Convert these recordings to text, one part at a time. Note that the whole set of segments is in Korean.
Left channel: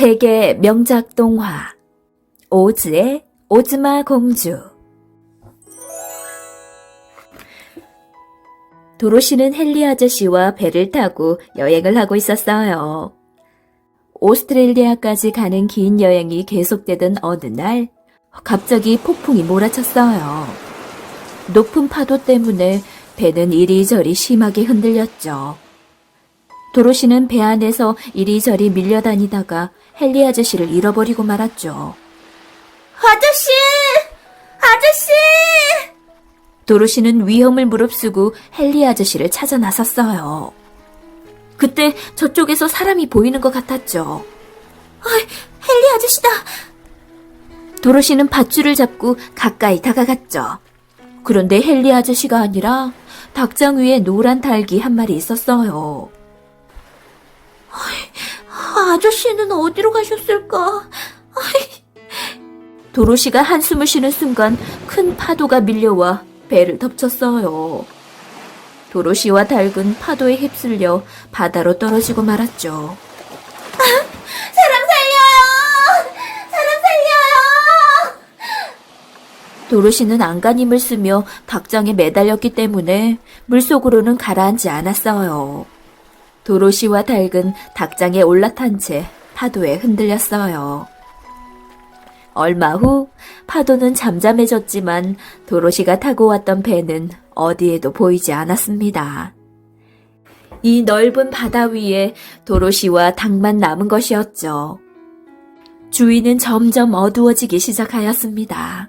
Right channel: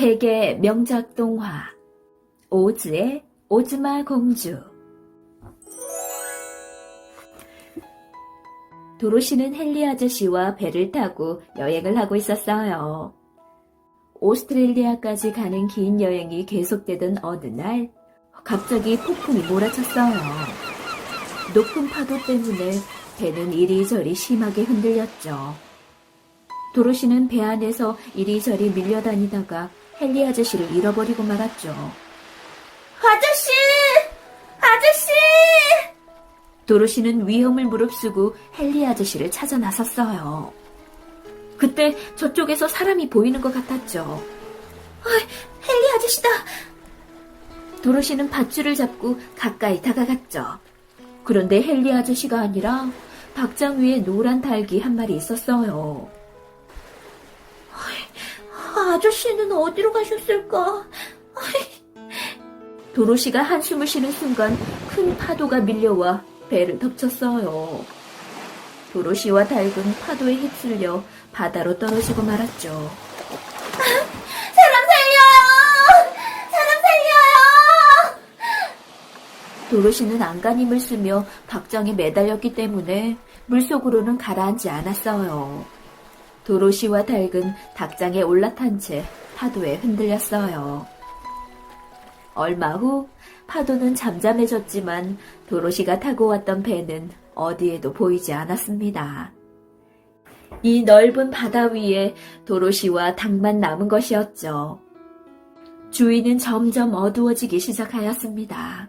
세계 명작 동화 오즈의 오즈마 공주. 도로시는 헨리 아저씨와 배를 타고 여행을 하고 있었어요. 오스트레일리아까지 가는 긴 여행이 계속되던 어느 날 갑자기 폭풍이 몰아쳤어요. 높은 파도 때문에 배는 이리저리 심하게 흔들렸죠. 도로시는 배 안에서 이리저리 밀려다니다가 헨리 아저씨를 잃어버리고 말았죠. 아저씨! 아저씨! 도로시는 위험을 무릅쓰고 헨리 아저씨를 찾아 나섰어요. 그때 저쪽에서 사람이 보이는 것 같았죠. 헨리 아저씨다! 도로시는 밧줄을 잡고 가까이 다가갔죠. 그런데 헨리 아저씨가 아니라 닭장 위에 노란 닭이 한 마리 있었어요. 아저씨는 어디로 가셨을까? 도로시가 한숨을 쉬는 순간 큰 파도가 밀려와 배를 덮쳤어요. 도로시와 닭은 파도에 휩쓸려 바다로 떨어지고 말았죠. 사람 살려요! 사람 살려요! 도로시는 안간힘을 쓰며 닭장에 매달렸기 때문에 물속으로는 가라앉지 않았어요. 도로시와 닭은 닭장에 올라탄 채 파도에 흔들렸어요. 얼마 후 파도는 잠잠해졌지만 도로시가 타고 왔던 배는 어디에도 보이지 않았습니다. 이 넓은 바다 위에 도로시와 닭만 남은 것이었죠. 주위는 점점 어두워지기 시작하였습니다.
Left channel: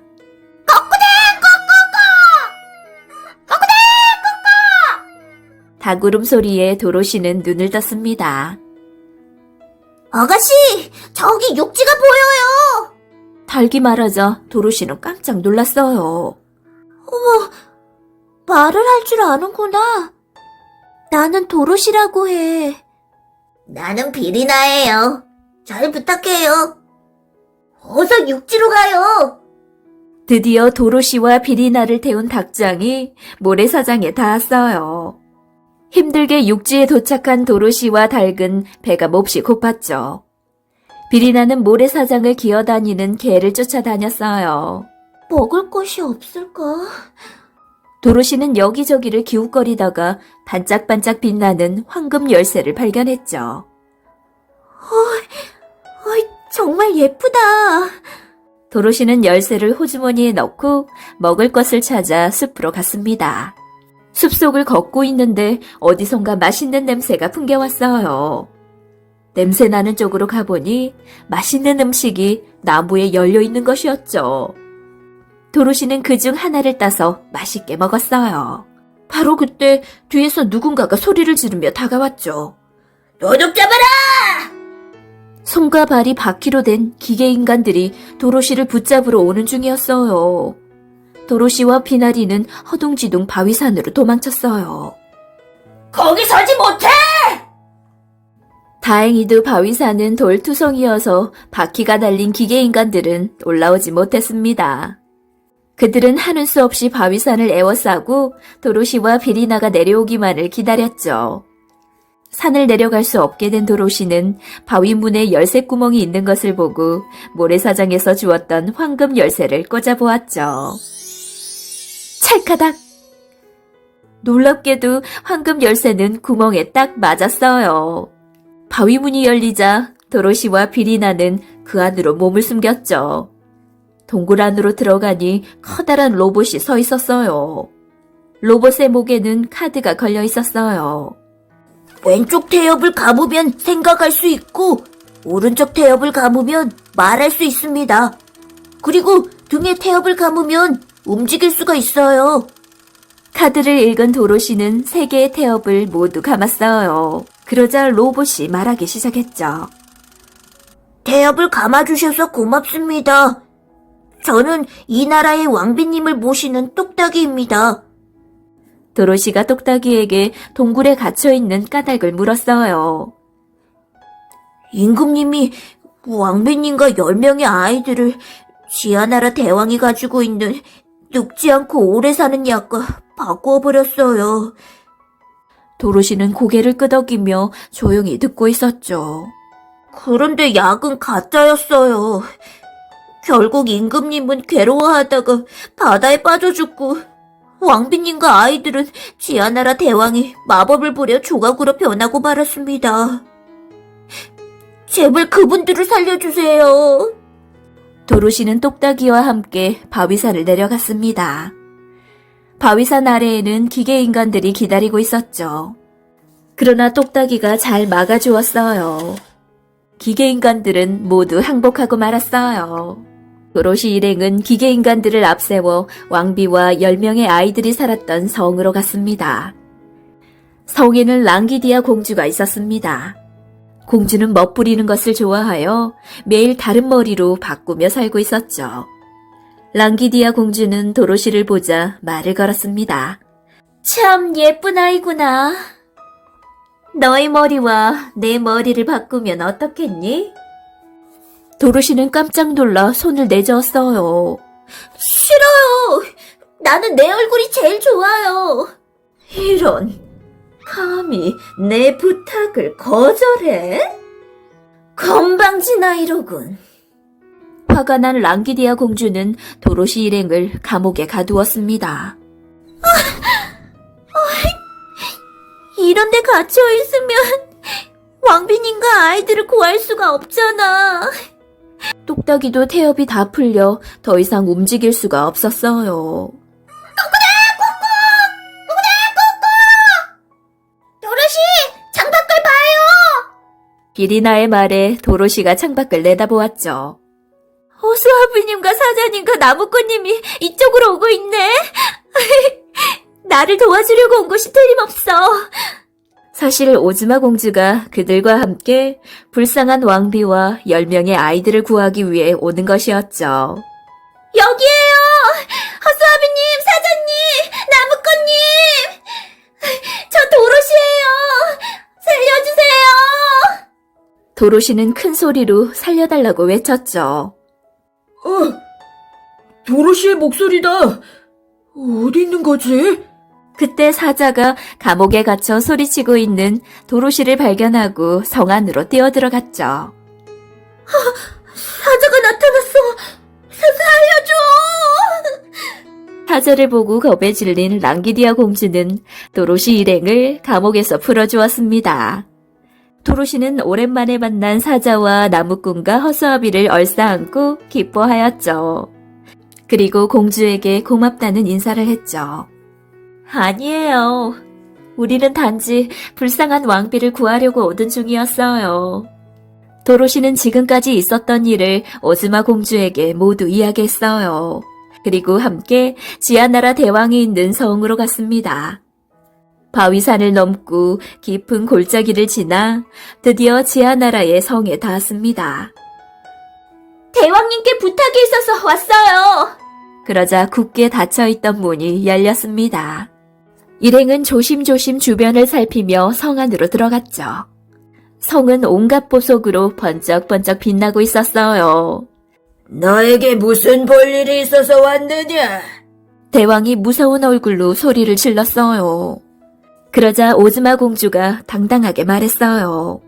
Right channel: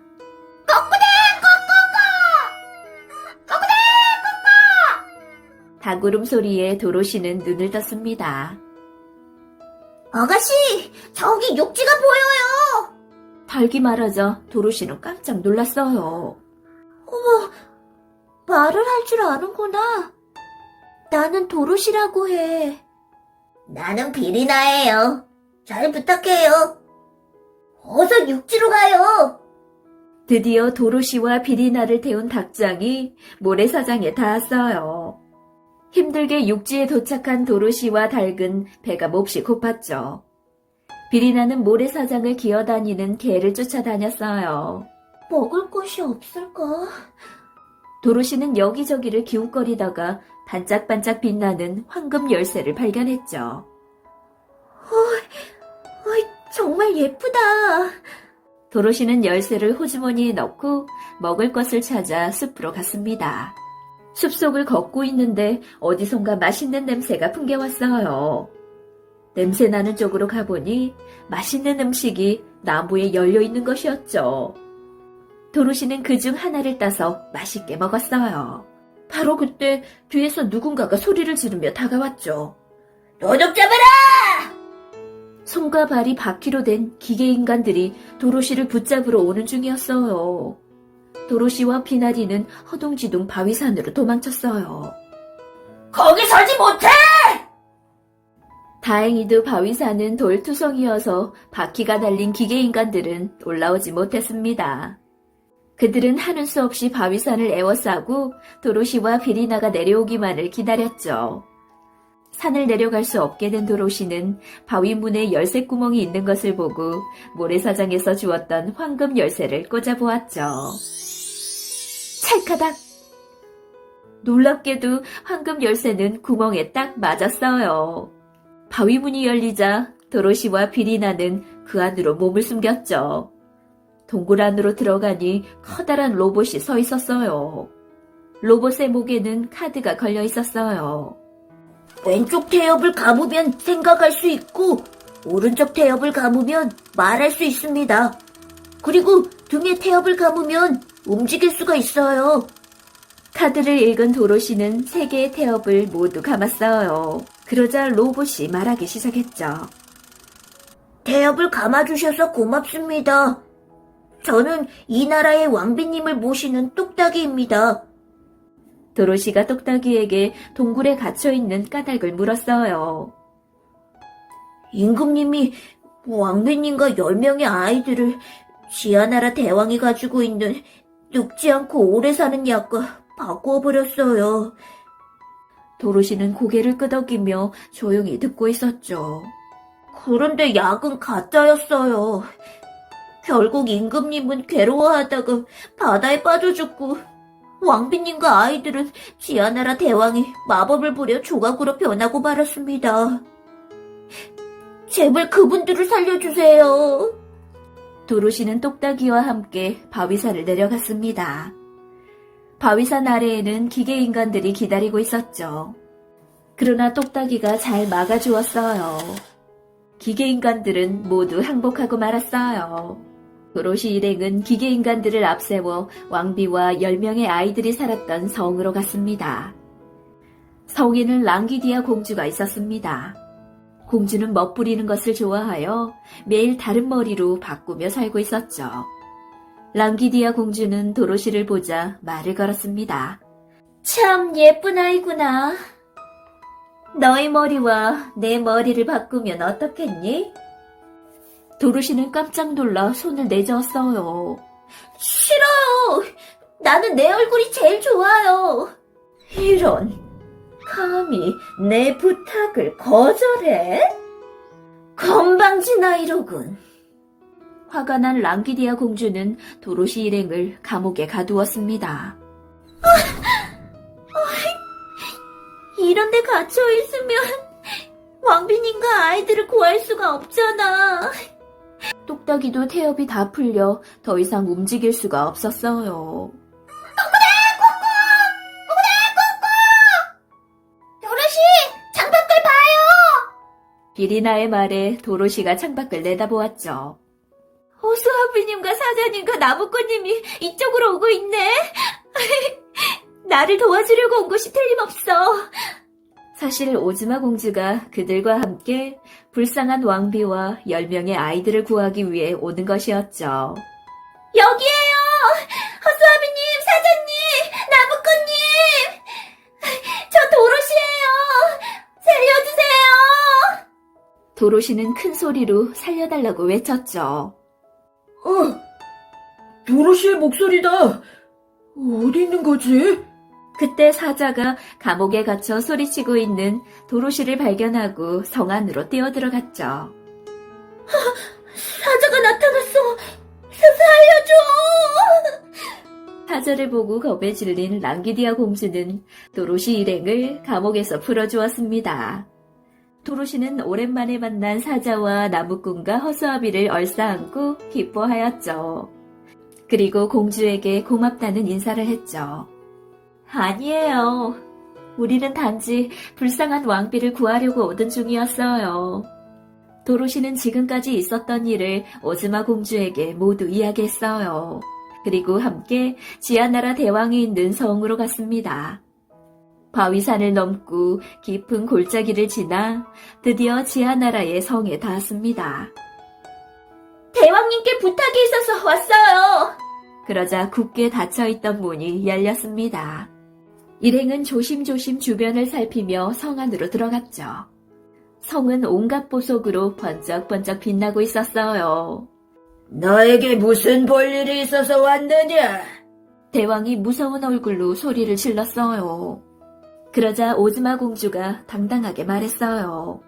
닭 울음소리에 도로시는 눈을 떴습니다. 아가씨! 저기 육지가 보여요! 닭이 말하자 도로시는 깜짝 놀랐어요. 말을 할 줄 아는구나. 나는 도로시라고 해. 나는 비리나예요. 잘 부탁해요. 어서 육지로 가요. 드디어 도로시와 비리나를 태운 닭장이 모래사장에 닿았어요. 힘들게 육지에 도착한 도로시와 닭은 배가 몹시 고팠죠. 비리나는 모래사장을 기어다니는 개를 쫓아다녔어요. 먹을 것이 없을까? 도로시는 여기저기를 기웃거리다가 반짝반짝 빛나는 황금 열쇠를 발견했죠. 정말 예쁘다. 도로시는 열쇠를 호주머니에 넣고 먹을 것을 찾아 숲으로 갔습니다. 숲속을 걷고 있는데 어디선가 맛있는 냄새가 풍겨왔어요. 냄새 나는 쪽으로 가보니 맛있는 음식이 나무에 열려있는 것이었죠. 도로시는 그중 하나를 따서 맛있게 먹었어요. 바로 그때 뒤에서 누군가가 소리를 지르며 다가왔죠. 도둑 잡아라! 손과 발이 바퀴로 된 기계인간들이 도로시를 붙잡으러 오는 중이었어요. 도로시와 비나리는 허둥지둥 바위산으로 도망쳤어요. 거기 서지 못해! 다행히도 바위산은 돌투성이어서 바퀴가 달린 기계인간들은 올라오지 못했습니다. 그들은 하는 수 없이 바위산을 에워싸고 도로시와 비리나가 내려오기만을 기다렸죠. 산을 내려갈 수 없게 된 도로시는 바위문에 열쇠구멍이 있는 것을 보고 모래사장에서 주었던 황금 열쇠를 꽂아보았죠. 찰카닥! 놀랍게도 황금 열쇠는 구멍에 딱 맞았어요. 바위문이 열리자 도로시와 비리나는 그 안으로 몸을 숨겼죠. 동굴 안으로 들어가니 커다란 로봇이 서 있었어요. 로봇의 목에는 카드가 걸려 있었어요. 왼쪽 태엽을 감으면 생각할 수 있고 오른쪽 태엽을 감으면 말할 수 있습니다. 그리고 등에 태엽을 감으면 움직일 수가 있어요. 카드를 읽은 도로시는 3개의 태엽을 모두 감았어요. 그러자 로봇이 말하기 시작했죠. 태엽을 감아주셔서 고맙습니다. 저는 이 나라의 왕비님을 모시는 똑딱이입니다. 도로시가 똑딱이에게 동굴에 갇혀있는 까닭을 물었어요. 임금님이 왕비님과 10명의 아이들을 지하나라 대왕이 가지고 있는 늙지 않고 오래 사는 약과 그런데 약은 가짜였어요. 결국 임금님은 괴로워하다가 바다에 빠져 죽고 왕비님과 아이들은 지하나라 대왕이 마법을 부려 조각으로 변하고 말았습니다. 제발 그분들을 살려주세요. 도로시는 똑딱이와 함께 바위산을 내려갔습니다. 바위산 아래에는 기계인간들이 기다리고 있었죠. 그러나 똑딱이가 잘 막아주었어요. 기계인간들은 모두 항복하고 말았어요. 도로시 일행은 기계인간들을 앞세워 왕비와 10명의 아이들이 살았던 성으로 갔습니다. 성에는 랑기디아 공주가 있었습니다. 공주는 멋부리는 것을 좋아하여 매일 다른 머리로 바꾸며 살고 있었죠. 랑기디아 공주는 도로시를 보자 말을 걸었습니다. 참 예쁜 아이구나. 너의 머리와 내 머리를 바꾸면 어떻겠니? 도로시는 깜짝 놀라 손을 내저었어요. 싫어요. 나는 내 얼굴이 제일 좋아요. 이런, 감히 내 부탁을 거절해? 건방진 아이로군. 화가 난 랑기디아 공주는 도로시 일행을 감옥에 가두었습니다. 이런 데 갇혀있으면 왕비님과 아이들을 구할 수가 없잖아. 똑딱이도 태엽이 다 풀려 더 이상 움직일 수가 없었어요. 도로시, 창밖을 봐요. 비리나의 말에 도로시가 창밖을 내다보았죠. 호수아비님과 사자님과 나무꾼님이 이쪽으로 오고 있네. 나를 도와주려고 온 것이 틀림없어. 사실 오즈마 공주가 그들과 함께 불쌍한 왕비와 10명의 아이들을 구하기 위해 오는 것이었죠. 여기에요. 호수아비님, 사자님, 나무꾼님. 저 도로시예요. 살려주세요. 도로시는 큰 소리로 살려달라고 외쳤죠. 도로시의 목소리다. 어디 있는 거지? 그때 사자가 감옥에 갇혀 소리치고 있는 도로시를 발견하고 성 안으로 뛰어들어갔죠. 사자가 나타났어. 살려줘. 사자를 보고 겁에 질린 랑기디아 공주는 도로시 일행을 감옥에서 풀어주었습니다. 도로시는 오랜만에 만난 사자와 나무꾼과 허수아비를 얼싸안고 기뻐하였죠. 그리고 공주에게 고맙다는 인사를 했죠. 아니에요. 우리는 단지 불쌍한 왕비를 구하려고 오던 중이었어요. 도로시는 지금까지 있었던 일을 오즈마 공주에게 모두 이야기했어요. 그리고 함께 지하나라 대왕이 있는 성으로 갔습니다. 바위산을 넘고 깊은 골짜기를 지나 드디어 지하나라의 성에 닿았습니다. 대왕님께 부탁이 있어서 왔어요. 그러자 굳게 닫혀있던 문이 열렸습니다. 일행은 조심조심 주변을 살피며 성 안으로 들어갔죠. 성은 온갖 보석으로 번쩍번쩍 빛나고 있었어요. 너에게 무슨 볼일이 있어서 왔느냐? 대왕이 무서운 얼굴로 소리를 질렀어요. 그러자 오즈마 공주가 당당하게 말했어요.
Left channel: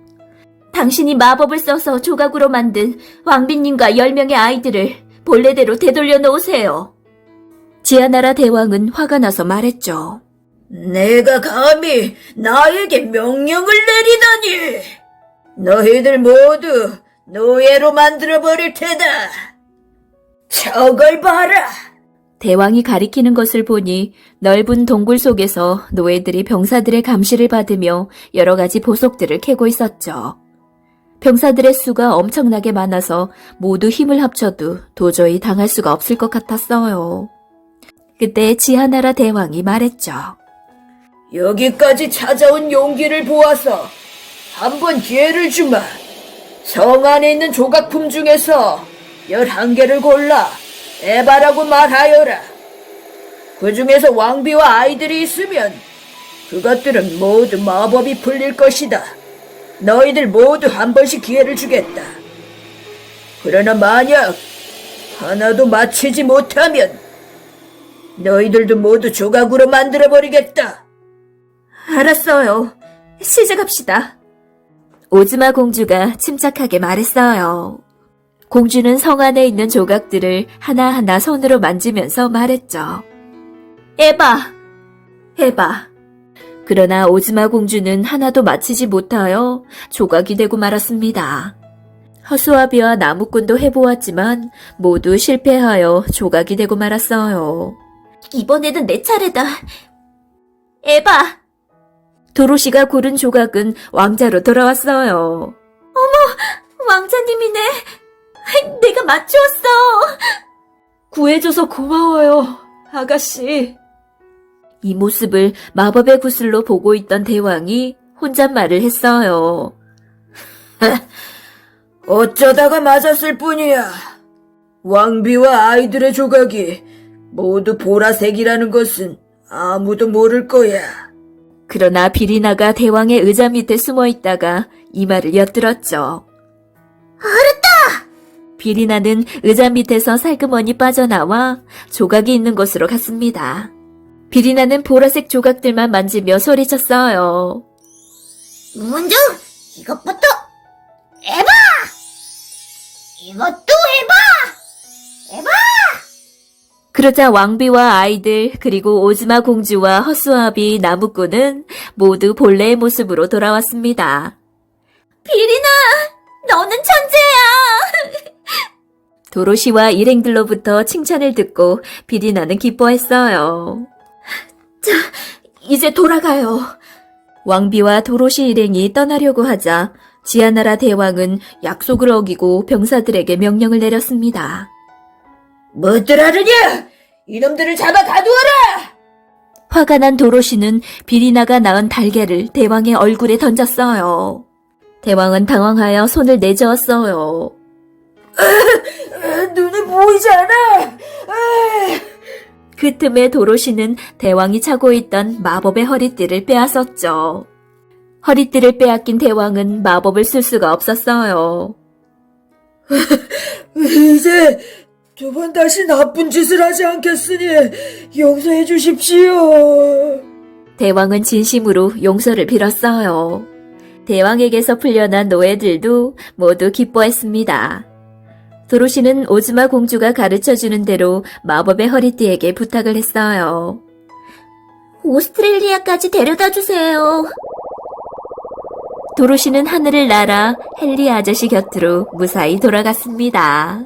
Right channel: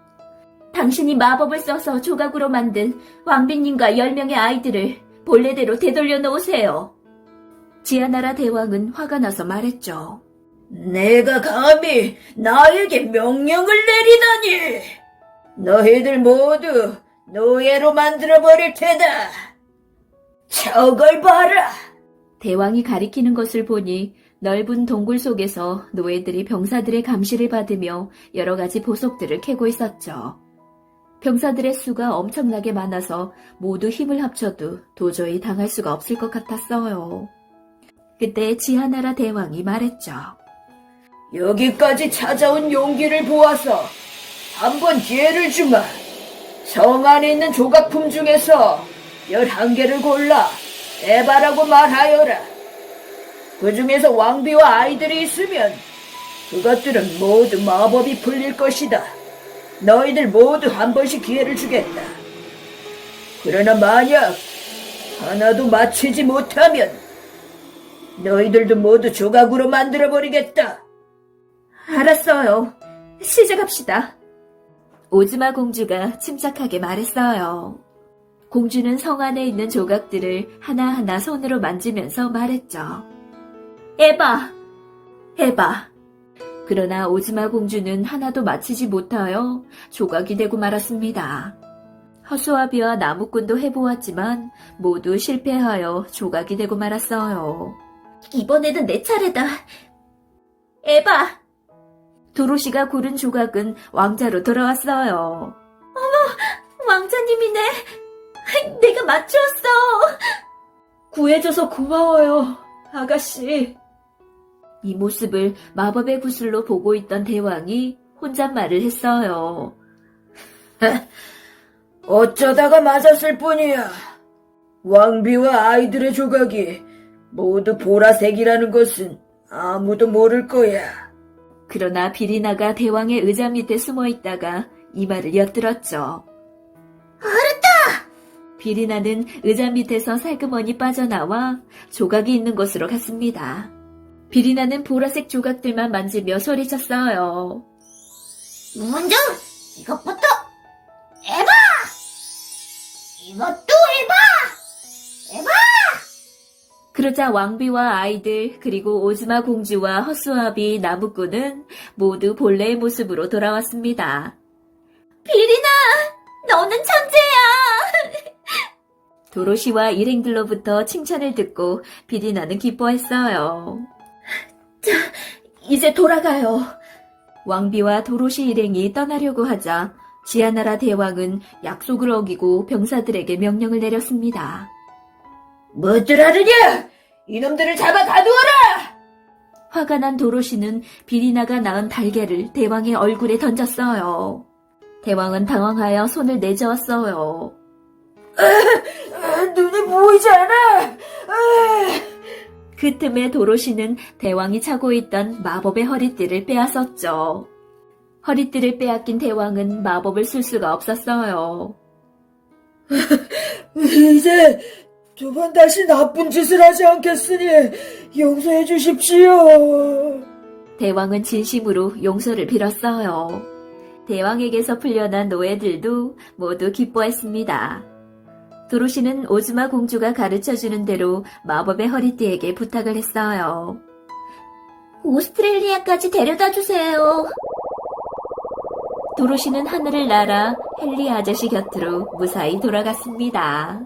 당신이 마법을 써서 조각으로 만든 왕비님과 10명의 아이들을 본래대로 되돌려 놓으세요. 지하나라 대왕은 화가 나서 말했죠. 내가 감히 나에게 명령을 내리다니! 너희들 모두 노예로 만들어버릴 테다! 저걸 봐라! 대왕이 가리키는 것을 보니 넓은 동굴 속에서 노예들이 병사들의 감시를 받으며 여러 가지 보석들을 캐고 있었죠. 병사들의 수가 엄청나게 많아서 모두 힘을 합쳐도 도저히 당할 수가 없을 것 같았어요. 그때 지하나라 대왕이 말했죠. 여기까지 찾아온 용기를 보아서 한번 기회를 주마. 성 안에 있는 조각품 중에서 11개를 골라 에바라고 말하여라. 그 중에서 왕비와 아이들이 있으면 그것들은 모두 마법이 풀릴 것이다. 너희들 모두 한 번씩 기회를 주겠다. 그러나 만약 하나도 맞히지 못하면 너희들도 모두 조각으로 만들어버리겠다. 알았어요. 시작합시다. 오즈마 공주가 침착하게 말했어요. 공주는 성 안에 있는 조각들을 하나하나 손으로 만지면서 말했죠. 에바! 에바! 그러나 오즈마 공주는 하나도 맞히지 못하여 조각이 되고 말았습니다. 허수아비와 나무꾼도 해보았지만 모두 실패하여 조각이 되고 말았어요. 이번에는 내 차례다. 에바! 도로시가 고른 조각은 왕자로 돌아왔어요. 왕자님이네. 내가 맞추었어. 구해줘서 고마워요, 아가씨. 이 모습을 마법의 구슬로 보고 있던 대왕이 혼잣말을 했어요. 어쩌다가 맞았을 뿐이야. 왕비와 아이들의 조각이 모두 보라색이라는 것은 아무도 모를 거야. 그러나 비리나가 대왕의 의자 밑에 숨어 있다가 이 말을 엿들었죠. 알았다! 비리나는 의자 밑에서 살그머니 빠져나와 조각이 있는 곳으로 갔습니다. 비리나는 보라색 조각들만 만지며 소리쳤어요. 먼저 이것부터 에바! 이것도 에바! 에바! 그러자 왕비와 아이들 그리고 오즈마 공주와 허수아비 나무꾼은 모두 본래의 모습으로 돌아왔습니다. 비리나, 너는 천재야. 도로시와 일행들로부터 칭찬을 듣고 비리나는 기뻐했어요. 자, 이제 돌아가요. 왕비와 도로시 일행이 떠나려고 하자 지하나라 대왕은 약속을 어기고 병사들에게 명령을 내렸습니다. 뭐들 하느냐? 이놈들을 잡아 가두어라! 화가 난 도로시는 비리나가 낳은 달걀을 대왕의 얼굴에 던졌어요. 대왕은 당황하여 손을 내저었어요. 눈에 보이지 않아! 그 틈에 도로시는 대왕이 차고 있던 마법의 허리띠를 빼앗았죠. 허리띠를 빼앗긴 대왕은 마법을 쓸 수가 없었어요. 이제 두 번 다시 나쁜 짓을 하지 않겠으니 용서해 주십시오. 대왕은 진심으로 용서를 빌었어요. 대왕에게서 풀려난 노예들도 모두 기뻐했습니다. 도로시는 오즈마 공주가 가르쳐주는 대로 마법의 허리띠에게 부탁을 했어요. 오스트레일리아까지 데려다 주세요. 도로시는 하늘을 날아 헨리 아저씨 곁으로 무사히 돌아갔습니다.